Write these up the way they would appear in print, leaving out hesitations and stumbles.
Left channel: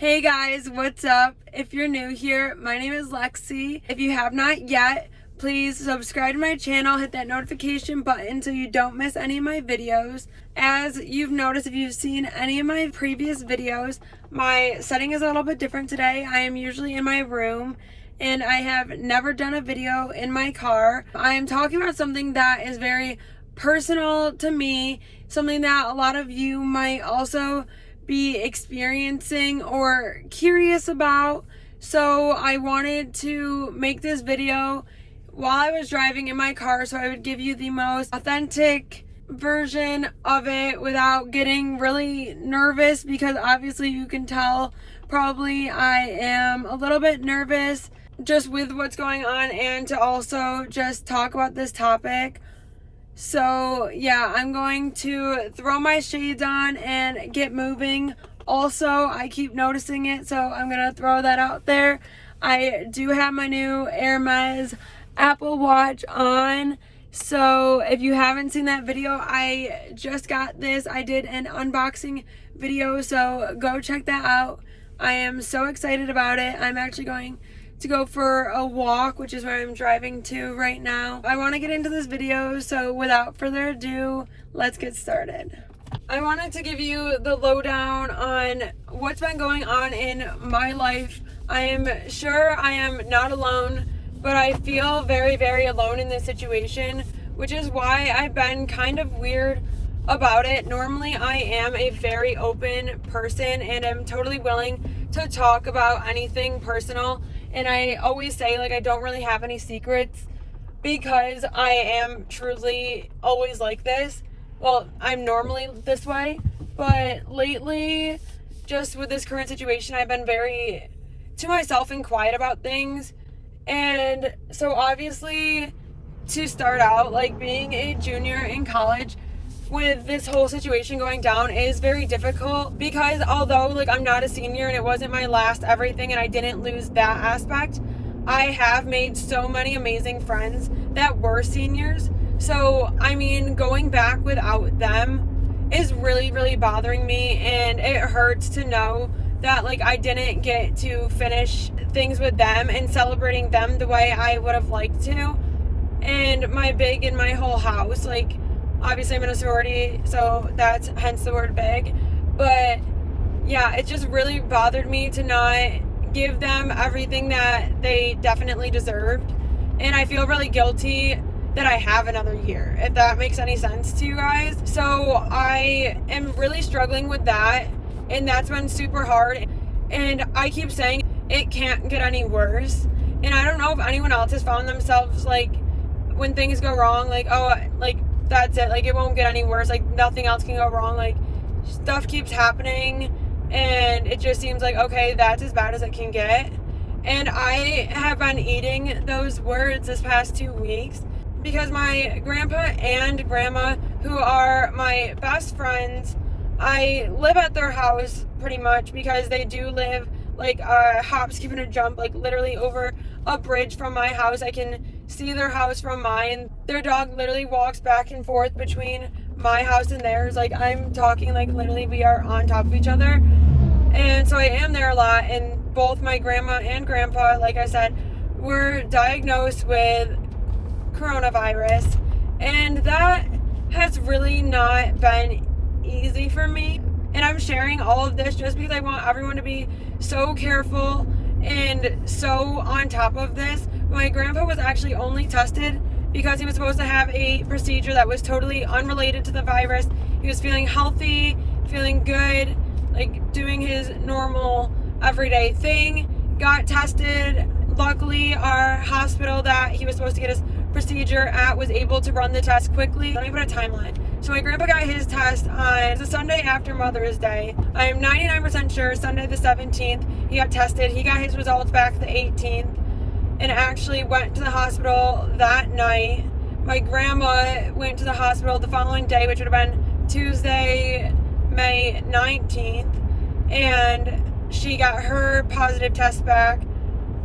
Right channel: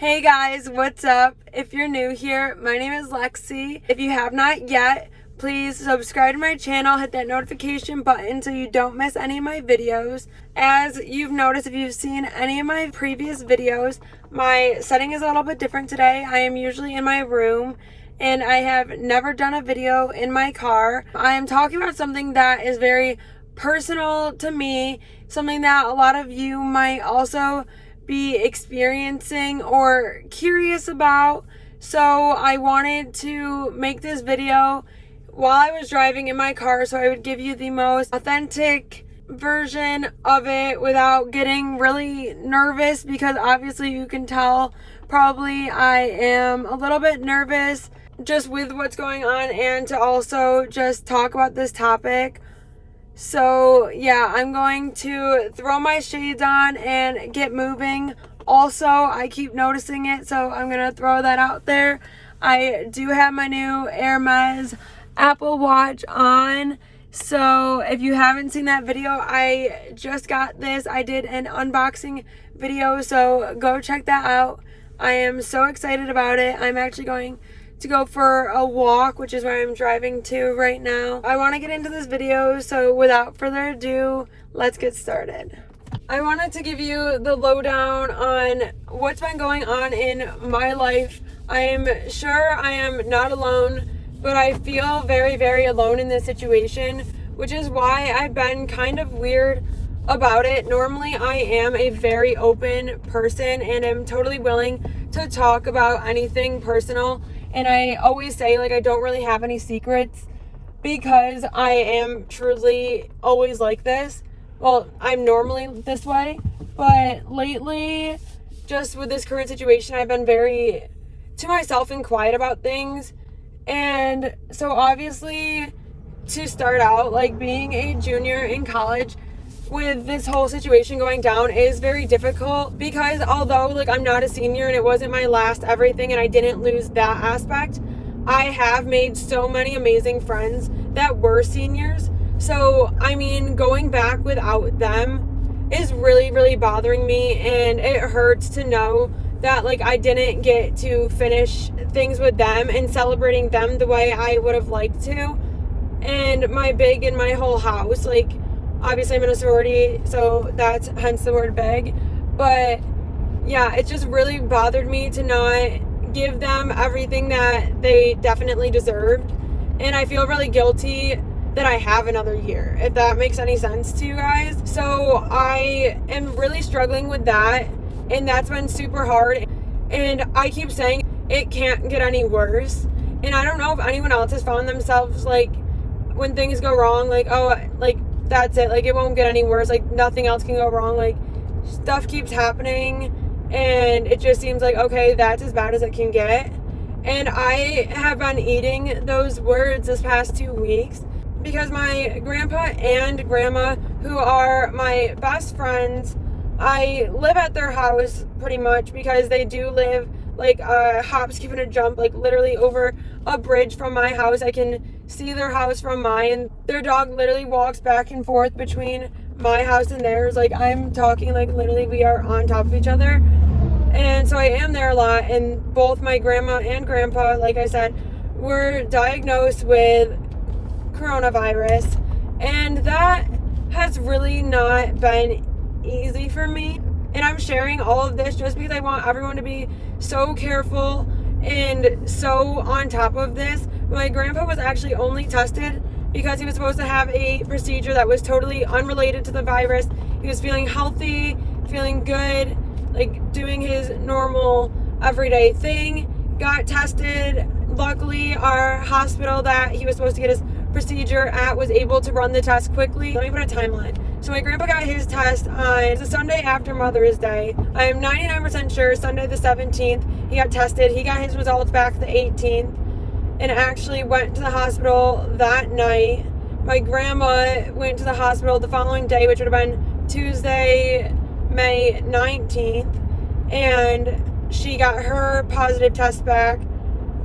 Hey guys, what's up? If you're new here, my name is Lexi. If you have not yet, please subscribe to my channel, hit that notification button so you don't miss any of my videos. As you've noticed, if you've seen any of my previous videos, my setting is a little bit different today. I am usually in my room and I have never done a video in my car. I am talking about something that is very personal to me, something that a lot of you might also be experiencing or curious about. So I wanted to make this video while I was driving in my car so I would give you the most authentic version of it without getting really nervous, because obviously you can tell probably I am a little bit nervous just with what's going on, and to also just talk about this topic. So yeah, I'm going to throw my shades on and get moving. Also, I keep noticing it, so I'm going to throw that out there. I do have my new Hermes Apple Watch on. So if you haven't seen that video, I just got this. I did an unboxing video, so go check that out. I am so excited about it. I'm actually going to go for a walk, which is where I'm driving to right now. I want to get into this video, so without further ado, let's get started. I wanted to give you the lowdown on what's been going on in my life. I am sure I am not alone, but I feel very, very alone in this situation, which is why I've been kind of weird about it. Normally, I am a very open person and am totally willing to talk about anything personal. And I always say, I don't really have any secrets, because I am truly always like this. Well, I'm normally this way, but lately, just with this current situation, I've been very to myself and quiet about things. And so obviously, to start out, being a junior in college with this whole situation going down is very difficult, because although I'm not a senior and it wasn't my last everything and I didn't lose that aspect, I have made so many amazing friends that were seniors. So I mean, going back without them is really, really bothering me, and it hurts to know that I didn't get to finish things with them and celebrating them the way I would have liked to. And my whole house, obviously I'm in a sorority, so that's hence the word big. But yeah, it just really bothered me to not give them everything that they definitely deserved. And I feel really guilty that I have another year, if that makes any sense to you guys. So I am really struggling with that, and that's been super hard. And I keep saying it can't get any worse. And I don't know if anyone else has found themselves when things go wrong, that's it, it won't get any worse, nothing else can go wrong, stuff keeps happening, and it just seems okay, that's as bad as it can get. And I have been eating those words this past 2 weeks, because my grandpa and grandma, who are my best friends, I live at their house pretty much, because they do live a hop, skip, and a jump, literally over a bridge from my house. I can see their house from mine. Their dog literally walks back and forth between my house and theirs. I'm talking literally we are on top of each other. And so I am there a lot, and both my grandma and grandpa, like I said, were diagnosed with coronavirus, and that has really not been easy for me. And I'm sharing all of this just because I want everyone to be so careful and so on top of this. My grandpa was actually only tested because he was supposed to have a procedure that was totally unrelated to the virus. He was feeling healthy, feeling good, doing his normal everyday thing. Got tested. Luckily, our hospital that he was supposed to get his procedure at was able to run the test quickly. Let me put a timeline. So my grandpa got his test on the Sunday after Mother's Day. I am 99% sure Sunday the 17th he got tested. He got his results back the 18th and actually went to the hospital that night. My grandma went to the hospital the following day, which would have been Tuesday, May 19th, and she got her positive test back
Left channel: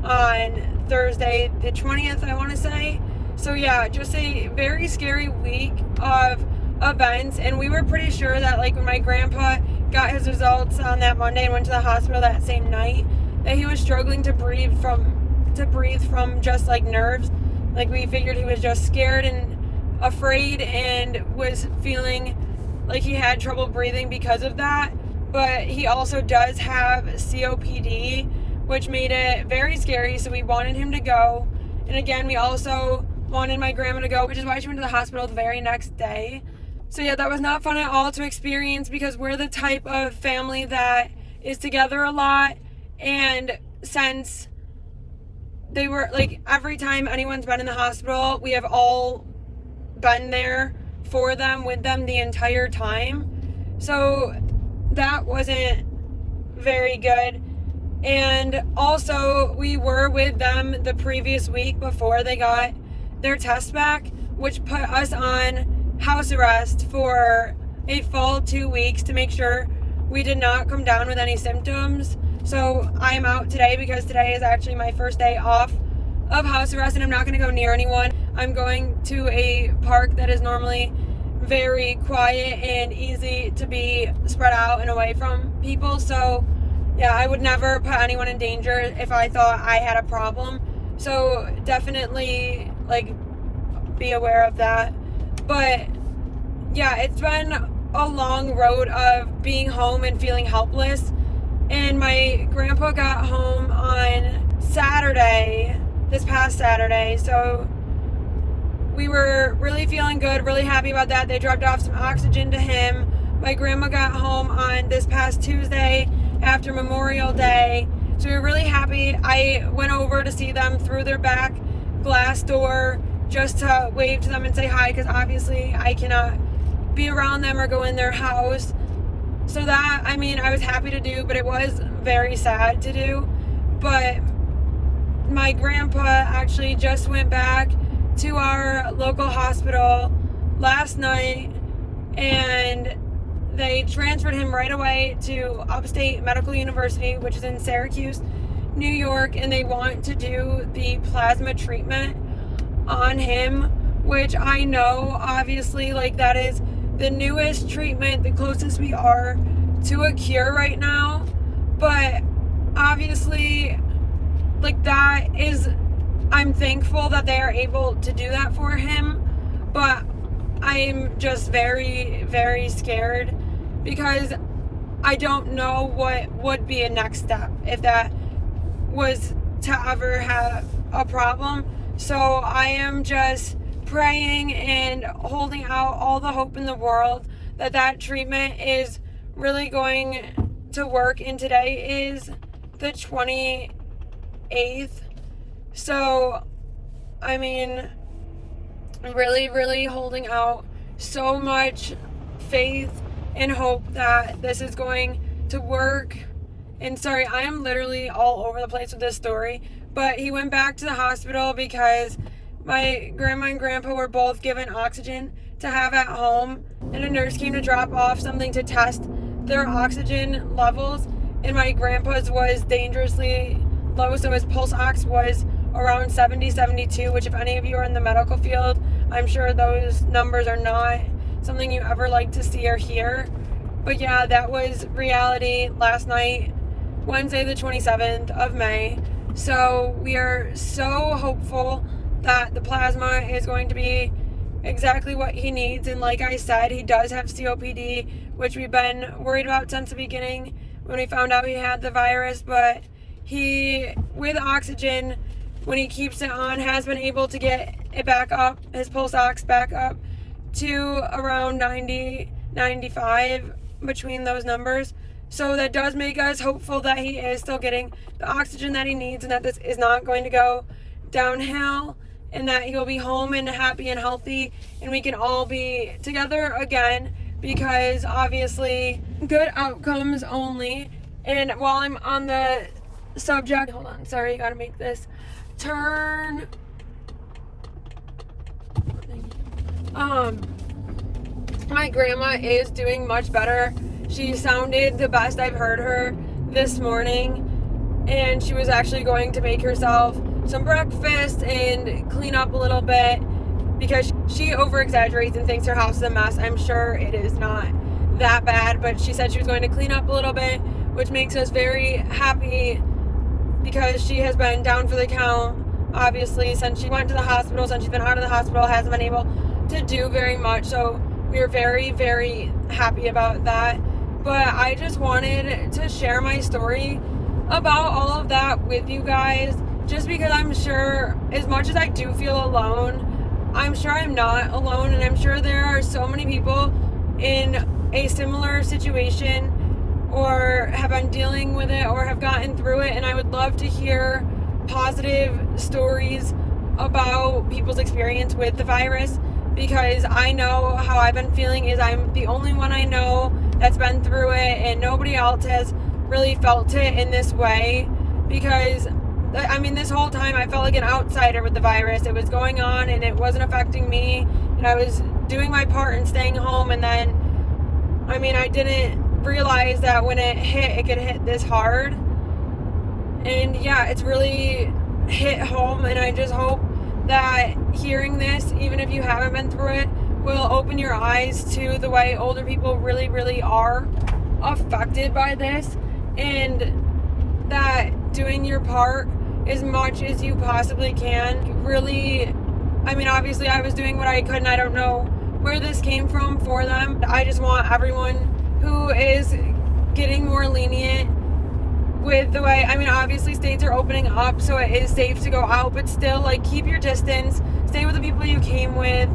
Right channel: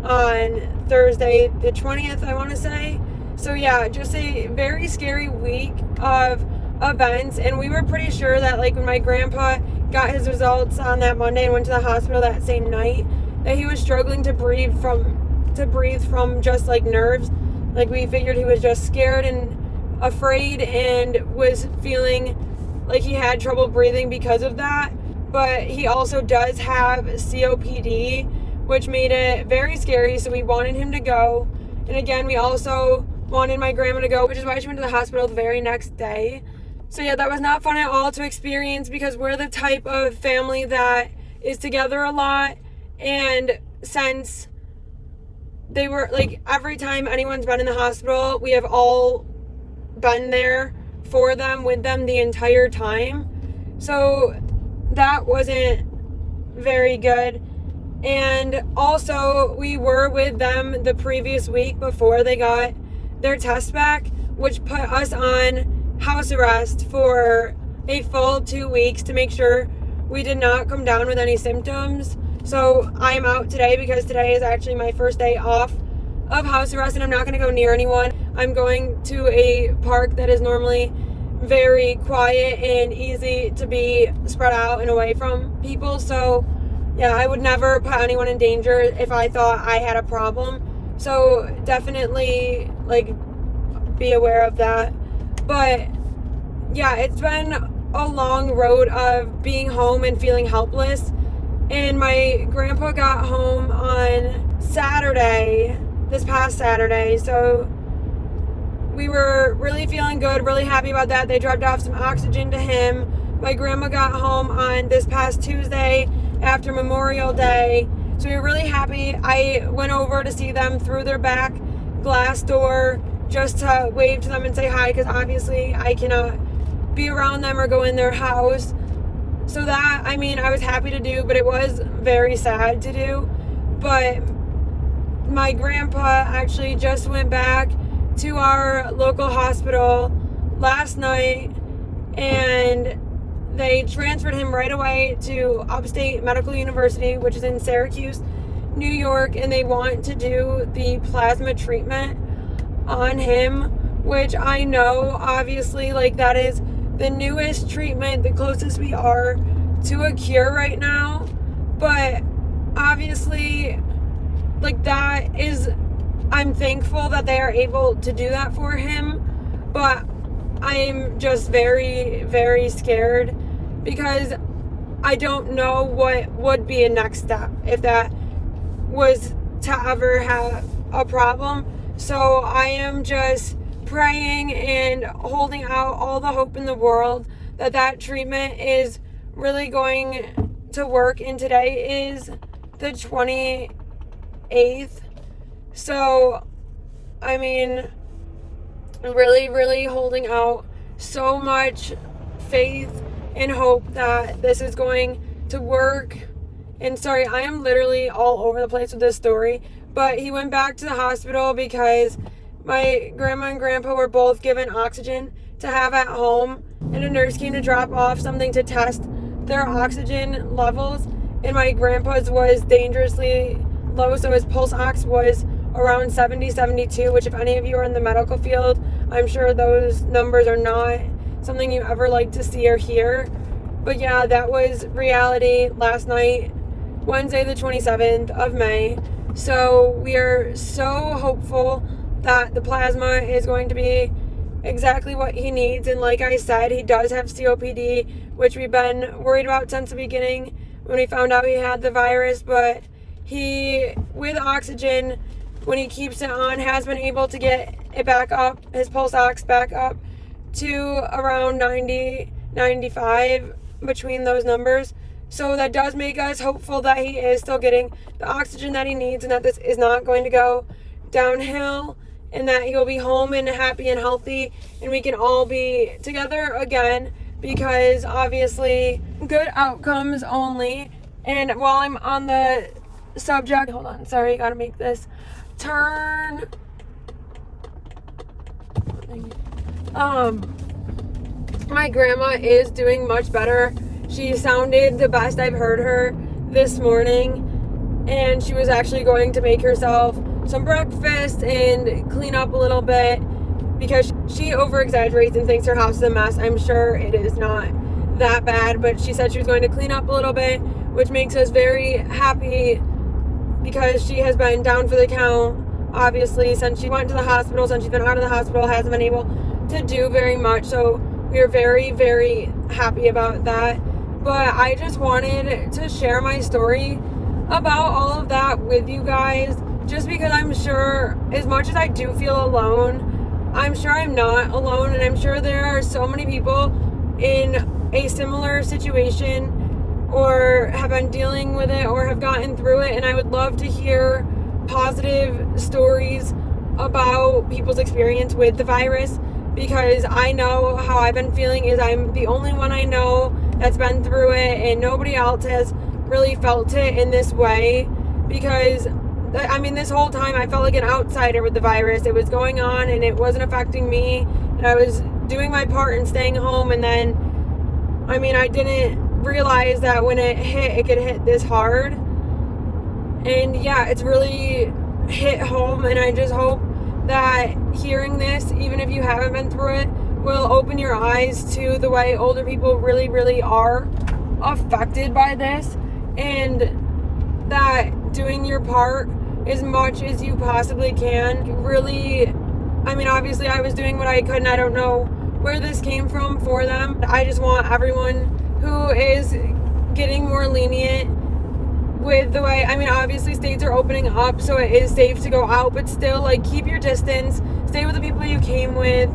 on Thursday the 20th, I want to say. So yeah, just a very scary week of events, and we were pretty sure that when my grandpa got his results on that Monday and went to the hospital that same night, that he was struggling to breathe from just like nerves. Like, we figured he was just scared and afraid and was feeling like he had trouble breathing because of that. But he also does have COPD, which made it very scary, so we wanted him to go. And again, we also wanted my grandma to go, which is why she went to the hospital the very next day. So yeah, that was not fun at all to experience, because we're the type of family that is together a lot. And since they were, like, every time anyone's been in the hospital, we have all been there for them, with them the entire time. So that wasn't very good. And also, we were with them the previous week before they got their test back, which put us on house arrest for a full 2 weeks to make sure we did not come down with any symptoms. So I'm out today because today is actually my first day off of house arrest, and I'm not going to go near anyone. I'm going to a park that is normally very quiet and easy to be spread out and away from people. So yeah, I would never put anyone in danger if I thought I had a problem. So definitely, like, be aware of that. But yeah, it's been a long road of being home and feeling helpless. And my grandpa got home on Saturday, this past Saturday. So we were really feeling good, really happy about that. They dropped off some oxygen to him. My grandma got home on this past Tuesday after Memorial Day. So we were really happy. I went over to see them through their back glass door just to wave to them and say hi, because obviously I cannot be around them or go in their house. So that, I mean, I was happy to do, but it was very sad to do. But my grandpa actually just went back to our local hospital last night, and they transferred him right away to Upstate Medical University, which is in Syracuse, New York, and they want to do the plasma treatment on him, which I know, obviously, like, that is the newest treatment, the closest we are to a cure right now. But obviously, like, that is, I'm thankful that they are able to do that for him. But I'm just very, very scared, because I don't know what would be a next step if that was to ever have a problem. So I am just praying and holding out all the hope in the world that that treatment is really going to work. And today is the 28th. So, I mean, really, really holding out so much faith and hope that this is going to work. And sorry, I am literally all over the place with this story, but he went back to the hospital because my grandma and grandpa were both given oxygen to have at home, and a nurse came to drop off something to test their oxygen levels, and my grandpa's was dangerously low, so his pulse ox was around 70, 72, which if any of you are in the medical field, I'm sure those numbers are not something you ever like to see or hear. But yeah, that was reality last night, Wednesday the 27th of May. So we are so hopeful that the plasma is going to be exactly what he needs. And like I said, he does have COPD, which we've been worried about since the beginning when we found out he had the virus. But he, with oxygen, when he keeps it on, has been able to get it back up, his pulse ox back up to around 90, 95, between those numbers. So that does make us hopeful that he is still getting the oxygen that he needs, and that this is not going to go downhill, and that he'll be home and happy and healthy, and we can all be together again, because obviously good outcomes only. And while I'm on the subject, hold on, sorry, gotta make this turn. My grandma is doing much better. She sounded the best I've heard her this morning, and she was actually going to make herself some breakfast and clean up a little bit, because she over exaggerates and thinks her house is a mess. I'm sure it is not that bad, but she said she was going to clean up a little bit, which makes us very happy because she has been down for the count, obviously, since she went to the hospital, since she's been out of the hospital, hasn't been able to do very much. So we are very, very happy about that. But I just wanted to share my story about all of that with you guys, just because I'm sure, as much as I do feel alone, I'm sure I'm not alone, and I'm sure there are so many people in a similar situation or have been dealing with it or have gotten through it, and I would love to hear positive stories about people's experience with the virus, because I know how I've been feeling is I'm the only one I know that's been through it, and nobody else has really felt it in this way, because I mean, this whole time I felt like an outsider with the virus. It was going on and it wasn't affecting me, and I was doing my part and staying home, and then I mean, I didn't realize that when it hit, it could hit this hard. And yeah, it's really hit home, and I just hope that hearing this, even if you haven't been through it, will open your eyes to the way older people really, really are affected by this, and that doing your part as much as you possibly can really, I mean, obviously I was doing what I could, and I don't know where this came from for them. I just want everyone who is getting more lenient with the way, I mean, obviously states are opening up, so it is safe to go out, but still, like, keep your distance, stay with the people you came with,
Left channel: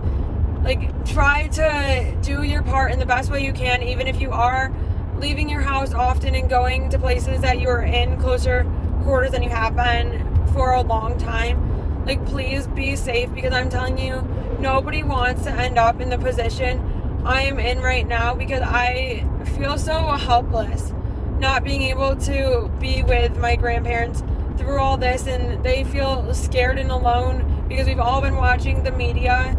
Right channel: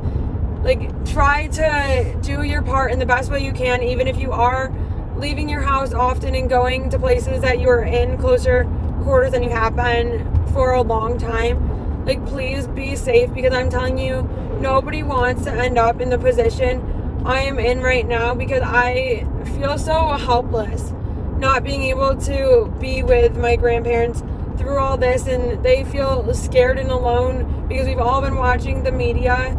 like, try to do your part in the best way you can, even if you are leaving your house often and going to places that you're in closer quarters than you have been for a long time. Like, please be safe, because I'm telling you, nobody wants to end up in the position I am in right now, because I feel so helpless not being able to be with my grandparents through all this, and they feel scared and alone because we've all been watching the media.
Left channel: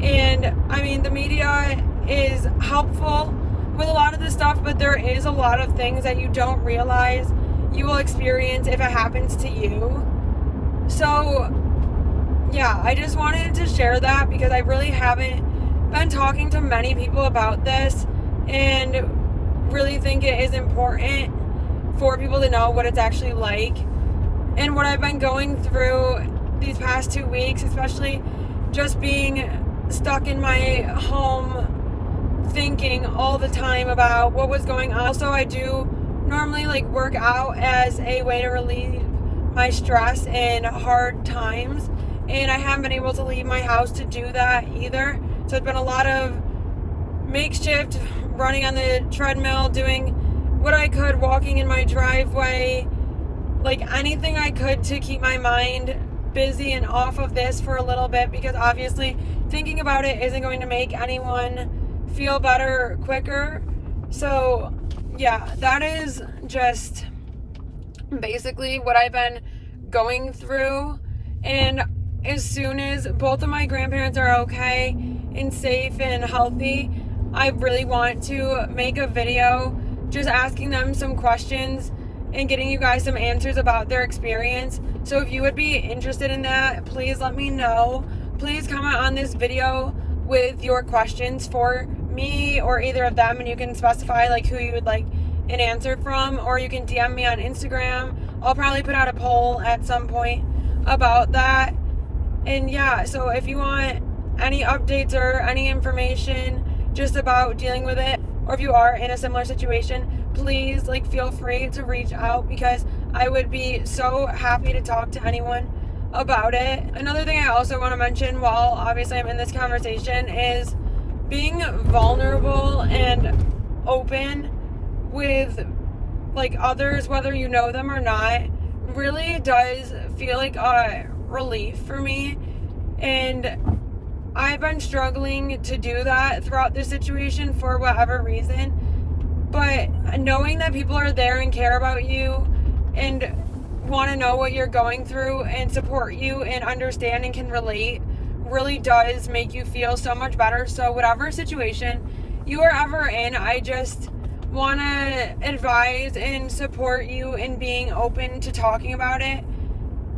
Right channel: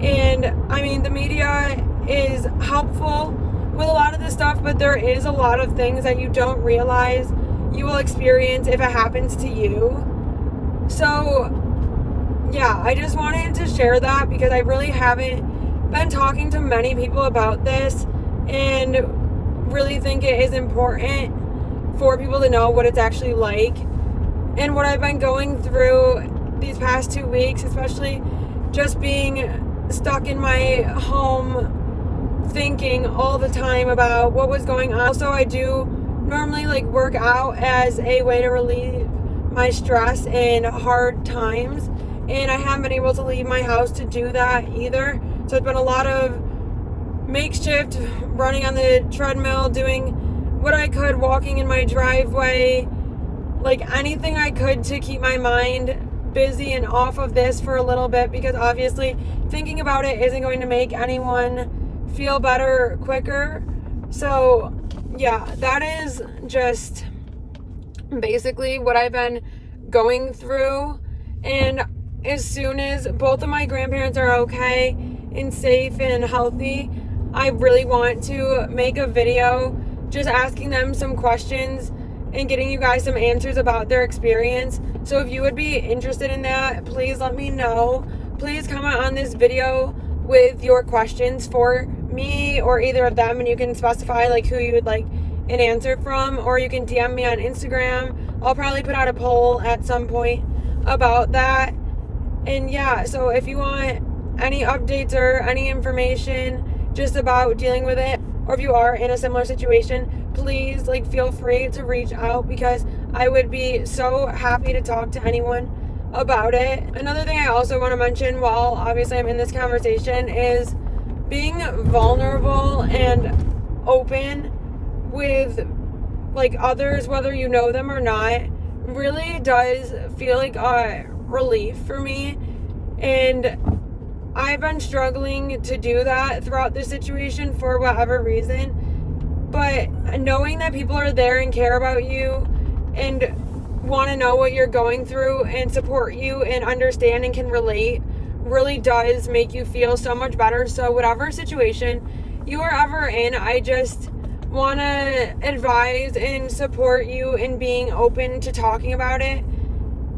And I mean, the media is helpful with a lot of this stuff, but there is a lot of things that you don't realize you will experience if it happens to you. So yeah, I just wanted to share that, because I really haven't been talking to many people about this, and really think it is important for people to know what it's actually like and what I've been going through these past 2 weeks, especially just being stuck in my home thinking all the time about what was going on. Also, I do normally like work out as a way to relieve my stress in hard times, and I haven't been able to leave my house to do that either. So it's been a lot of makeshift running on the treadmill, doing what I could, walking in my driveway, like anything I could to keep my mind busy and off of this for a little bit, because obviously thinking about it isn't going to make anyone feel better quicker. So yeah, that is just basically what I've been going through. And as soon as both of my grandparents are okay and safe and healthy, I really want to make a video just asking them some questions and getting you guys some answers about their experience. So if you would be interested in that, please let me know. Please comment on this video with your questions for me or either of them, and you can specify like who you would like an answer from, or you can DM me on Instagram. I'll probably put out a poll at some point about that. And yeah, so if you want any updates or any information just about dealing with it, or if you are in a similar situation, please like feel free to reach out, because I would be so happy to talk to anyone about it. Another thing I also want to mention while obviously I'm in this conversation is being vulnerable and open with like others, whether you know them or not, really does feel like a relief for me. And I've been struggling to do that throughout this situation for whatever reason, but knowing that people are there and care about you and want to know what you're going through and support you and understand and can relate really does make you feel so much better. So whatever situation you are ever in, I just want to advise and support you in being open to talking about it.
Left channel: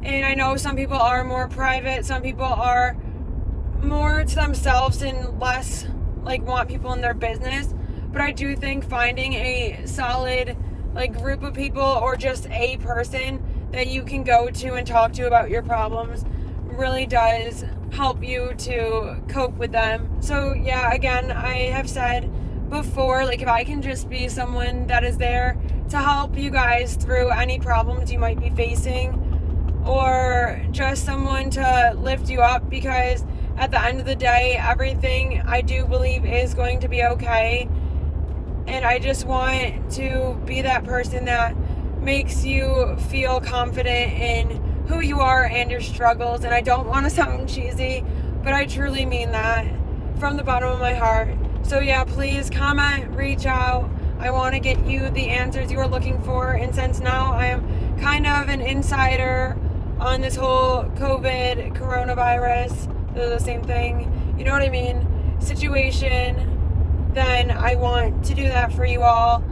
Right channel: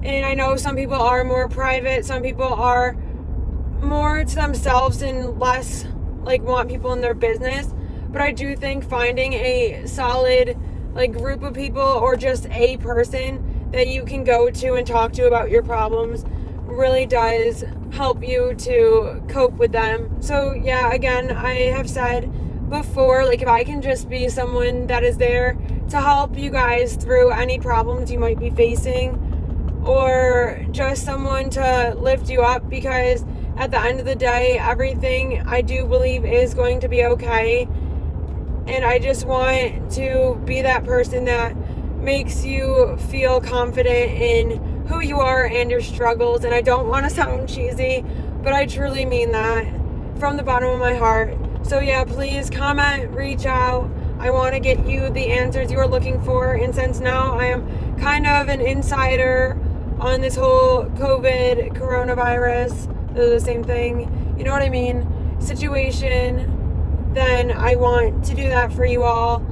And I know some people are more private, some people are more to themselves and less like want people in their business, but I do think finding a solid group of people or just a person that you can go to and talk to about your problems really does help you to cope with them. So yeah, again, I have said before, if I can just be someone that is there to help you guys through any problems you might be facing, or just someone to lift you up, because at the end of the day, everything I do believe is going to be okay. And I just want to be that person that makes you feel confident in who you are and your struggles. And I don't want to sound cheesy, but I truly mean that from the bottom of my heart. So yeah, please comment, reach out. I want to get you the answers you are looking for. And since now I am kind of an insider on this whole COVID, coronavirus, they're the same thing, you know what I mean, situation, then I want to do that for you all.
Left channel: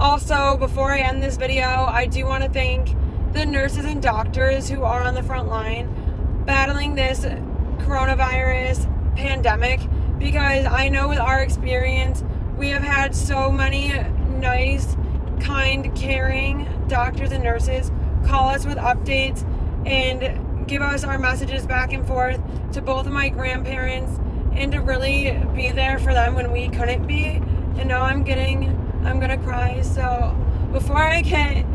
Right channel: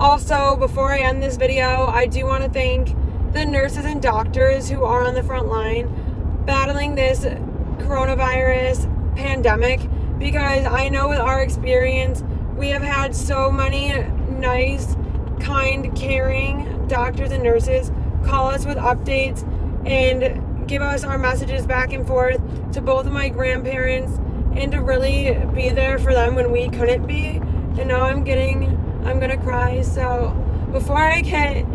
Also, before I end this video, I do want to thank the nurses and doctors who are on the front line battling this coronavirus pandemic, because I know with our experience, we have had so many nice, kind, caring doctors and nurses call us with updates and give us our messages back and forth to both of my grandparents, and to really be there for them when we couldn't be. And now I'm gonna cry. So before I get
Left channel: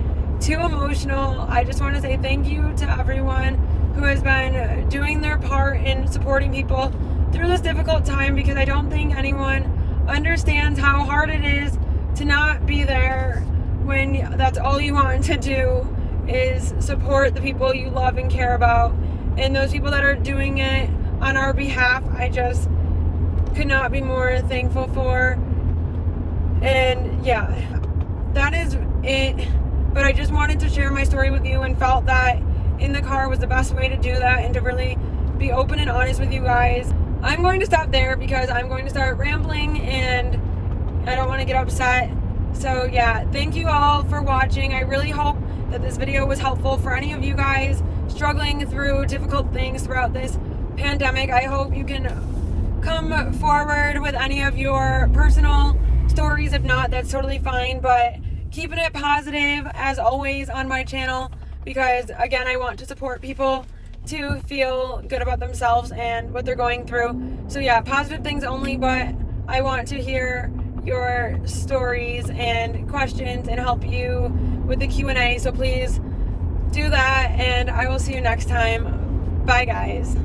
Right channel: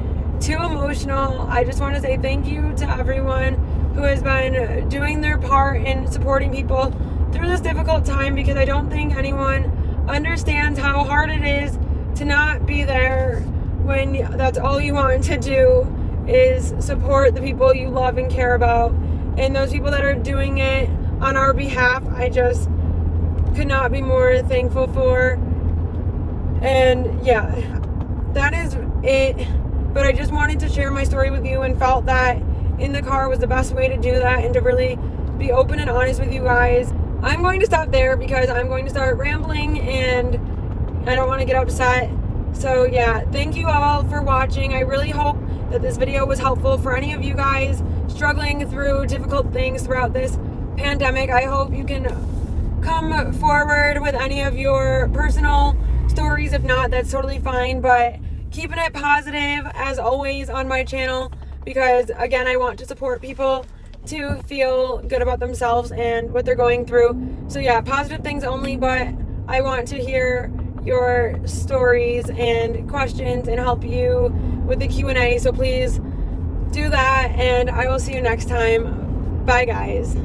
too emotional, I just want to say thank you to everyone who has been doing their part in supporting people through this difficult time, because I don't think anyone understands how hard it is to not be there when that's all you want to do is support the people you love and care about. And those people that are doing it on our behalf, I just could not be more thankful for. And yeah, that is it. But I just wanted to share my story with you, and felt that in the car was the best way to do that, and to really be open and honest with you guys. I'm going to stop there because I'm going to start rambling and I don't want to get upset. So yeah, thank you all for watching. I really hope that this video was helpful for any of you guys struggling through difficult things throughout this pandemic. I hope you can come forward with any of your personal stories. If not, that's totally fine, but keeping it positive as always on my channel, because again, I want to support people to feel good about themselves and what they're going through. So yeah, positive things only, but I want to hear your stories and questions and help you with the Q&A. So please do that, and I will see you next time. Bye guys.